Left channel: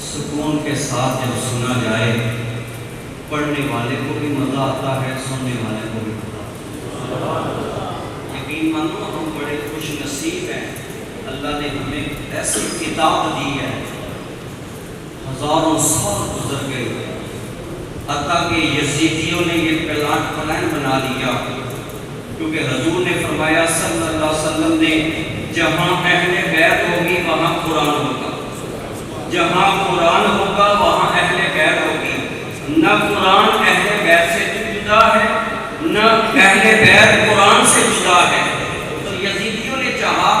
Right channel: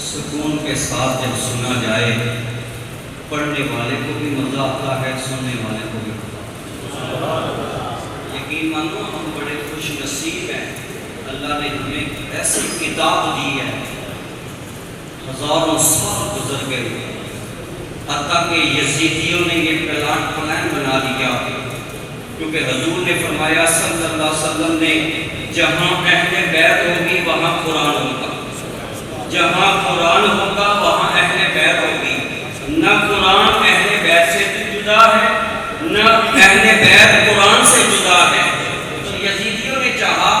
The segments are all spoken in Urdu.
سکون کے ساتھ جب سنا جائے، پڑھنے والے کو بھی مزہ آتا ہے، سننے والے کو بھی مزہ آتا ہے۔ یقین مانو ہم بڑے خوش نصیب ہیں، اللہ نے ہمیں ایسی کتاب دی ہے، ہزاروں سال گزر گئے، حتیٰ کہ یزیدیوں نے یہ پلان بنا دیا، کیونکہ حضور نے فرمایا صلی اللہ علیہ وسلم نے، جہاں اہل بیت ہوگی وہاں قرآن ہوگا، جہاں قرآن ہوگا وہاں اہل بیت ہوگی۔ نہ قرآن اہل بیت سے جدا ہے، نہ اہل بیت قرآن سے جدا ہے۔ تو یزیدیوں نے چاہا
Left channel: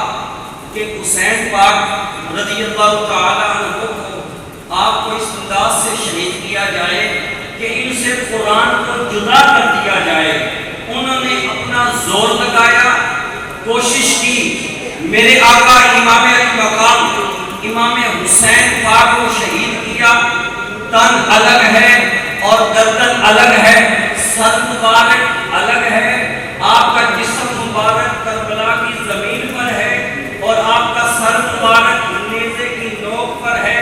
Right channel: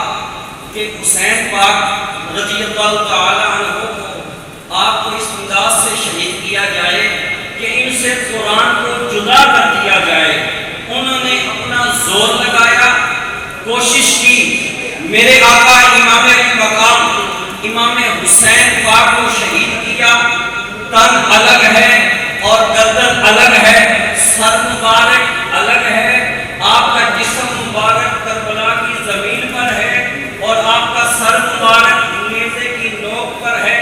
کہ حسین پاک رضی اللہ تعالیٰ عنہ کو آپ کو اس انداز سے شہید کیا جائے کہ ان سے قرآن کو جدا کر دیا جائے۔ انہوں نے اپنا زور لگایا، کوشش کی، میرے آقا امام علی مقام امام حسین پاک کو شہید کیا۔ تن الگ ہے اور گردن الگ ہے، سر مبارک الگ ہے، آپ کا جسم مبارک کربلا کی زمین پر ہے اور آپ کا سر مبارک نیزے کی نوک پر ہے۔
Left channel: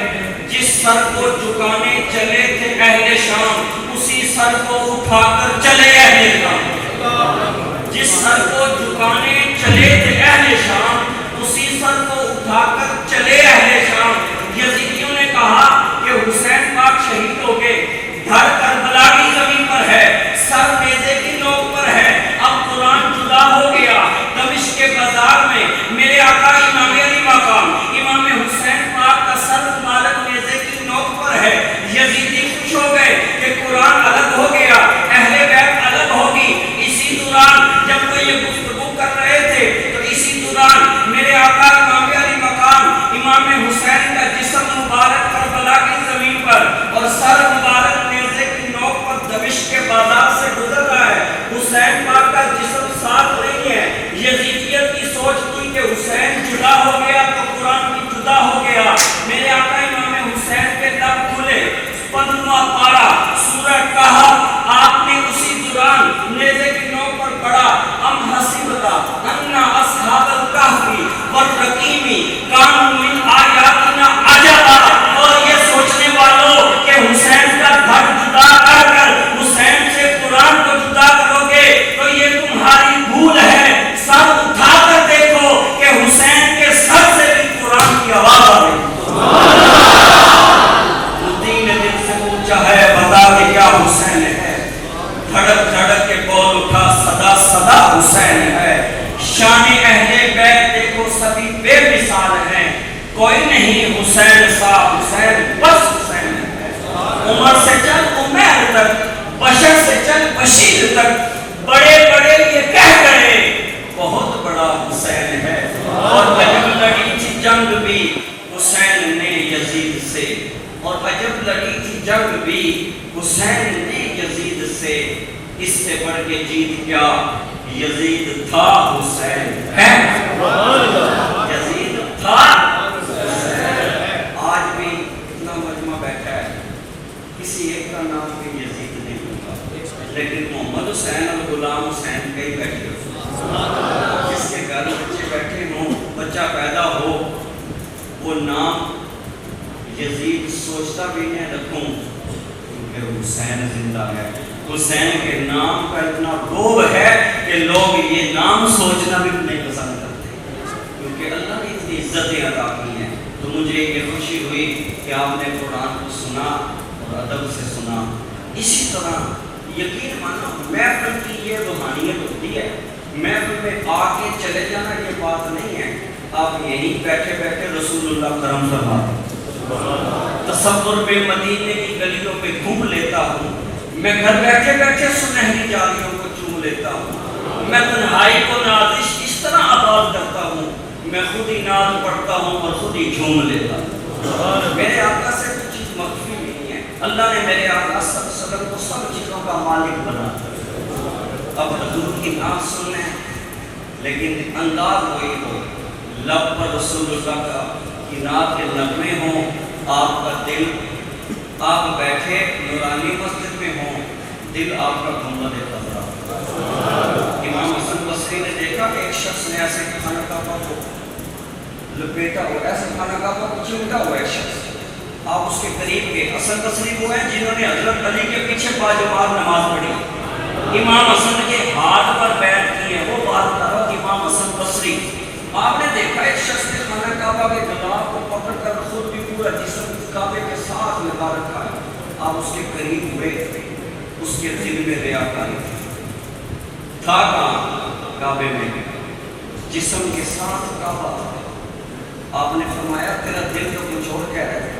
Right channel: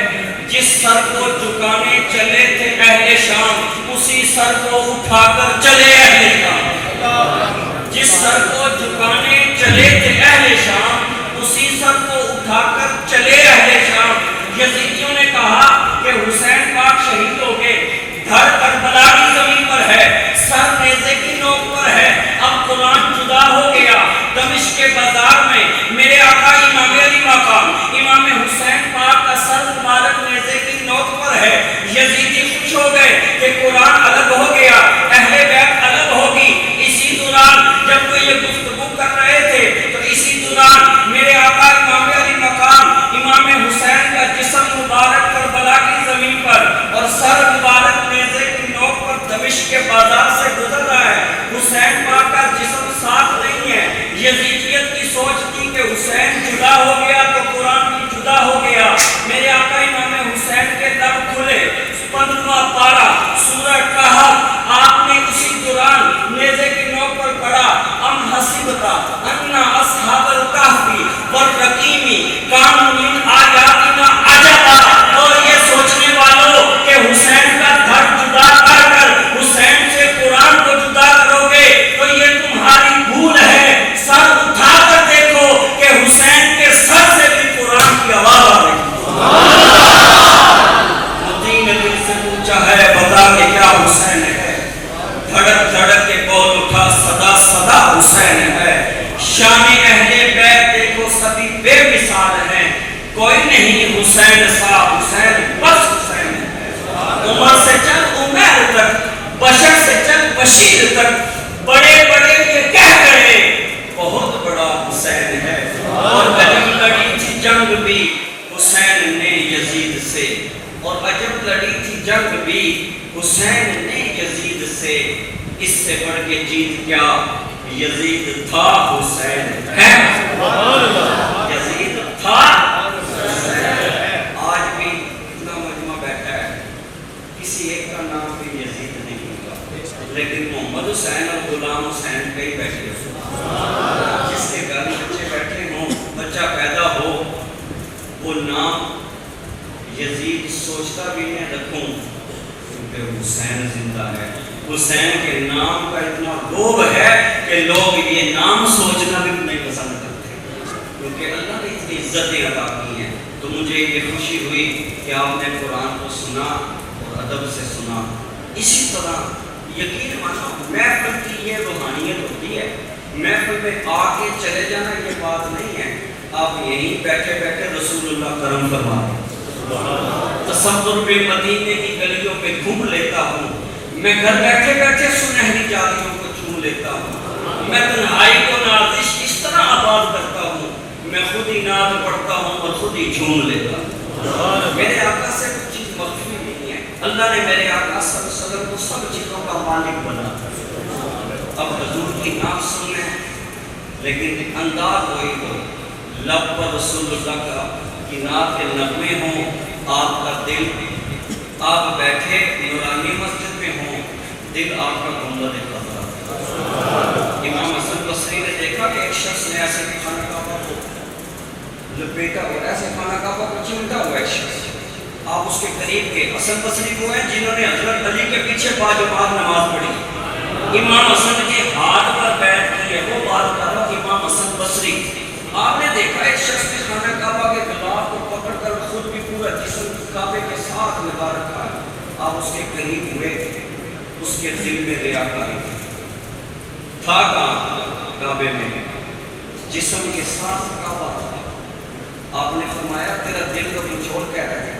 جس سر کو جھکانے چلے تھے اہل شام، اسی سر کو اٹھا کر چلے اہل شام۔ جس سر کو جھکانے چلے تھے اہل شام، اسی سر کو اٹھا کر چلے اہل شام۔ یزیدیوں نے کہا کہ حسین پاک شہید ہو گئے، دھڑ کربلا کی زمین پر ہے، سر نیزے کی نوک پر ہے، اب قرآن جدا ہو گیا۔ دمشق کے بازار میں میرے آقا امام علی مقام امام حسین پاک کا سر مبارک نیزے کی نوک پر ہے۔ یزیدی خوش ہو گئے کہ قرآن الگ ہو گیا، اہل بیت الگ ہوگی۔ اسی دوران جب وہ یہ گفتگو کر رہے تھے تو اسی دوران میرے آقا امام علی مقام امام حسین کا جسم مبارک کربلا کی زمین پر اور سر مبارک نیزے کی نوک پر دمشق کے بازار سے گزر رہا ہے۔ حسین پاک کا جسم ساتھ نہیں ہے۔ یزیدیت کی سوچ تھی کہ حسین جدا ہو گیا تو قرآن بھی جدا ہو گیا۔ میرے آقا امام حسین کے لب کھلے، 15واں پارہ سورہ کہف آپ نے اسی دوران نیزے کی نوک پر پڑھا، ام حسبت ان اصحاب الکہف والرقیم کانوا من آیاتنا عجبا۔ اور یہ سوچنے والوں کہ حسین کا دھڑ جدا کر کر حسین سے قرآن کو جدا کرو گے تو یہ تمہاری بھول ہے، سر اٹھا کر دیکھو کہ حسین کے سر سے بھی قرآن کی آواز آ رہی ہے۔ بتا کہ کیا حسین ہے، دھڑک دھڑک کے بول اٹھا، صدا صدا حسین ہے۔ شان اہل بیت دیکھو سبھی بے مثال ہیں، کوئی نہیں حسین سا، حسین بس حسین ہے۔ عمر سے چل عمر تک، بشر سے چل بشیر تک، بڑے بڑے یہ کہہ گئے بہت بڑا حسین ہے۔ اور عجب لڑی تھی جنگ بھی حسین نے یزید سے، اور عجب لڑی تھی جنگ بھی حسین نے یزید سے، اس سے بڑھ کے جیت کیا، یزید تھا حسین ہے، یزید تھا حسین۔ آج بھی اتنا مجمع بیٹھا ہے، کسی ایک کا نام بھی یزید نہیں ہوگا، لیکن محمد حسین اور غلام حسین کئی بیٹھے ہوں، جس کے گھر بچے بیٹھے ہوں، بچہ پیدا ہو، وہ نام یزید سوچتا بھی نہیں رکھوں کیونکہ حسین زندہ ہے۔ حسین کے نام کا اتنا روب ہے کہ لوگ یہ نام سوچنا بھی نہیں پسند کرتے، کیونکہ اللہ نے اتنی عزتیں عطا کی ہیں۔ تو مجھے یہ خوشی ہوئی کہ آپ نے قرآن کو سنا اور ادب سے سنا۔ اسی طرح یقین مانو محفل کی یہ روحانیت ہوتی ہے، محفل میں آ کے چلے جانا یہ بات نہیں ہے، آپ یہیں بیٹھے بیٹھے رسول اللہ کرم فرما دیں۔ تصور پہ مدینے کی گلیوں پہ گھوم لیتا ہوں، میں گھر بیٹھے بیٹھے سنہری جالیوں کو چوم لیتا ہوں، میں تنہائی کو نازش اس طرح آباد کرتا ہوں، میں خود ہی نعت پڑھتا ہوں اور خود ہی جھوم لیتا ہوں۔ میرے آقا سے کچھ چیز مخفی نہیں ہے، اللہ نے میرے آقا صلی اللہ علیہ وسلم کو سب چیزوں کا مالک بنا کر۔ اب حضور کی نعت سننا ہے لیکن انداز وہی ہو، لب پر رسول اللہ کا کی نعت کے نغمے ہوں، آپ کا دل، آپ بیٹھے نورانی مسجد میں ہوں، دل آپ کا گنبد خضرا۔ امام حسن بصری نے دیکھا کہ ایک شخص نے ایسے کھانا کعبہ کو لپیٹا ہوا، ایسے کھانا کعبہ کو چمٹا ہوا ایک شخص، آپ اس اس کے قریب کے حسن بصری وہ ہیں جنہوں نے حضرت علی کے پیچھے باجماعت نماز پڑھی، امام حسن کے ہاتھ پر بیٹھ کی ہے، وہ بات کر رہا امام حسن بصری۔ آپ نے دیکھا ایک شخص نے خانہ کعبہ کے غلاف کو پکڑ کر خود بھی پورا جسم کعبے کے ساتھ لگا رکھا ہے، آپ اس کے قریب ہوئے، اس کے دل میں ریاکاری تھا کہاں؟ کعبے میں، جسم کے ساتھ کعبہ۔ آپ نے فرمایا تیرا دل تو کچھ اور کہہ رہا ہے۔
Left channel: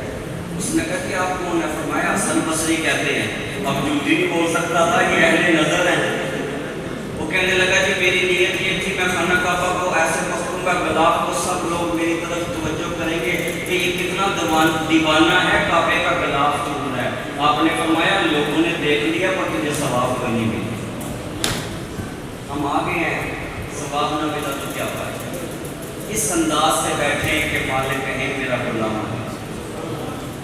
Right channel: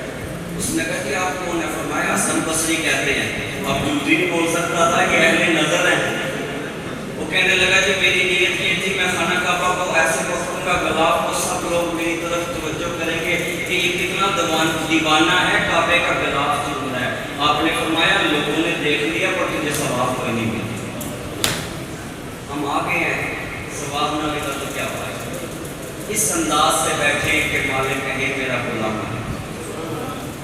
اس نے کہا کہ آپ کون ہے؟ فرمایا حسن بصری کہتے ہیں۔ اب جھوٹی نہیں بول سکتا تھا کہ اہل نظر ہیں۔ وہ کہنے لگا کہ میری نیت یہ تھی میں خانہ کعبہ کو ایسے پکڑوں گا غلاف کو سب لوگ میری طرف توجہ کریں گے کہ یہ کتنا دیوانہ ہے، کعبے کا غلاف چن رہا ہے۔ آپ نے فرمایا لوگوں نے دیکھ لیا پر تجھے ثواب کوئی نہیں ملا۔ ہم آگے ہیں، ثواب نہ ملا تو کیا ہوا؟ اس انداز سے بیٹھیں کہ مالک کہیں میرا غلام ہے،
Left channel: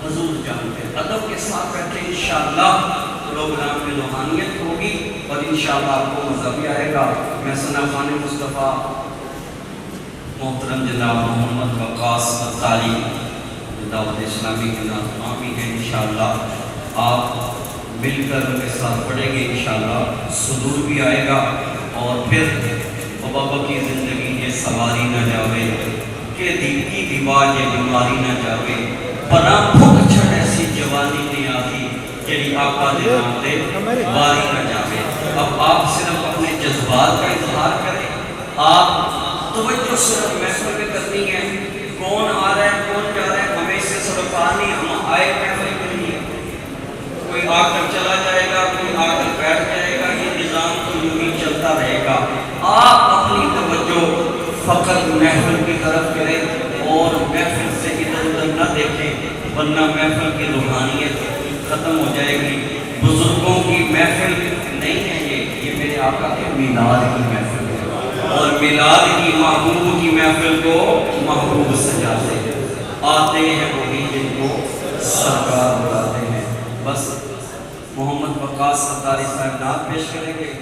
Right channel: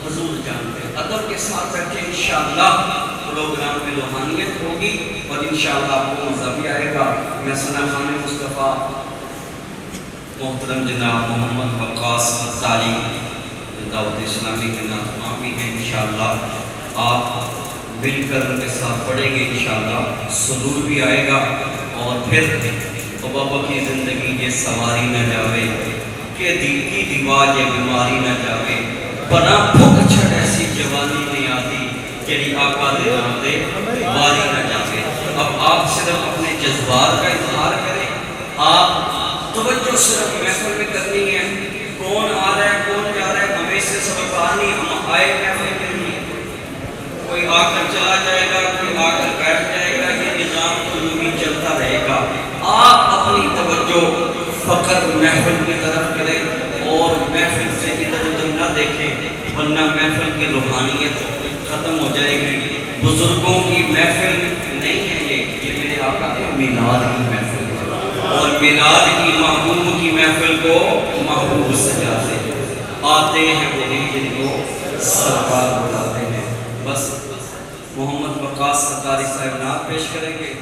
حضور جانتے ادب کے ساتھ رکھیں، انشاءاللہ پروگرام میں روحانیت ہوگی اور انشاءاللہ آپ کو مزہ بھی آئے گا۔ میں ثنا خان مصطفیٰ محترم جناب محمد وقاص فتاری دعوت اسلامی کے ناظرین بھی ہیں، انشاءاللہ آپ مل کر ان کے ساتھ پڑھیں گے، انشاءاللہ سرور بھی آئے گا۔ اور پھر بابا کی زندگی یہ سواری نہ جاوے کہ دل کی دیوار یہ بیماری نہ جاوے، بنا بھوک چھٹ ایسی جوانی نہیں آتی جڑی آقا دے نام دے باری نہ جاوے۔ اب آپ صرف اپنے جذبات کا اظہار کریں، آپ توجہ صرف محفل میں کرنی ہے، کون آ رہا ہے کون جا رہا ہے ہمیں سے سبق آنی، ہم آئے محفل میں نہیں، کوئی آ کر چلا جائے گا کوئی آ کر بیٹھ جائے گا، یہ نظام تو یوں ہی چلتا رہے گا۔ آپ اپنی توجہ فقط محفل کی طرف کریں اور محفل سے ادھر ادھر نہ دیکھیں، ورنہ محفل کی روحانیت ختم ہو جائے گی۔ بزرگوں کی محفل نہیں ہے یہ میرے آقا کے میلاد کی محفل ہے، اور میلاد کی محبوب کی محفل کو محبوب سجا سے آتے ہیں وہی جن کو سرکار بلاتے ہیں۔ بس محمد وقاص فتاری صاحب نعت پیش کریں گے۔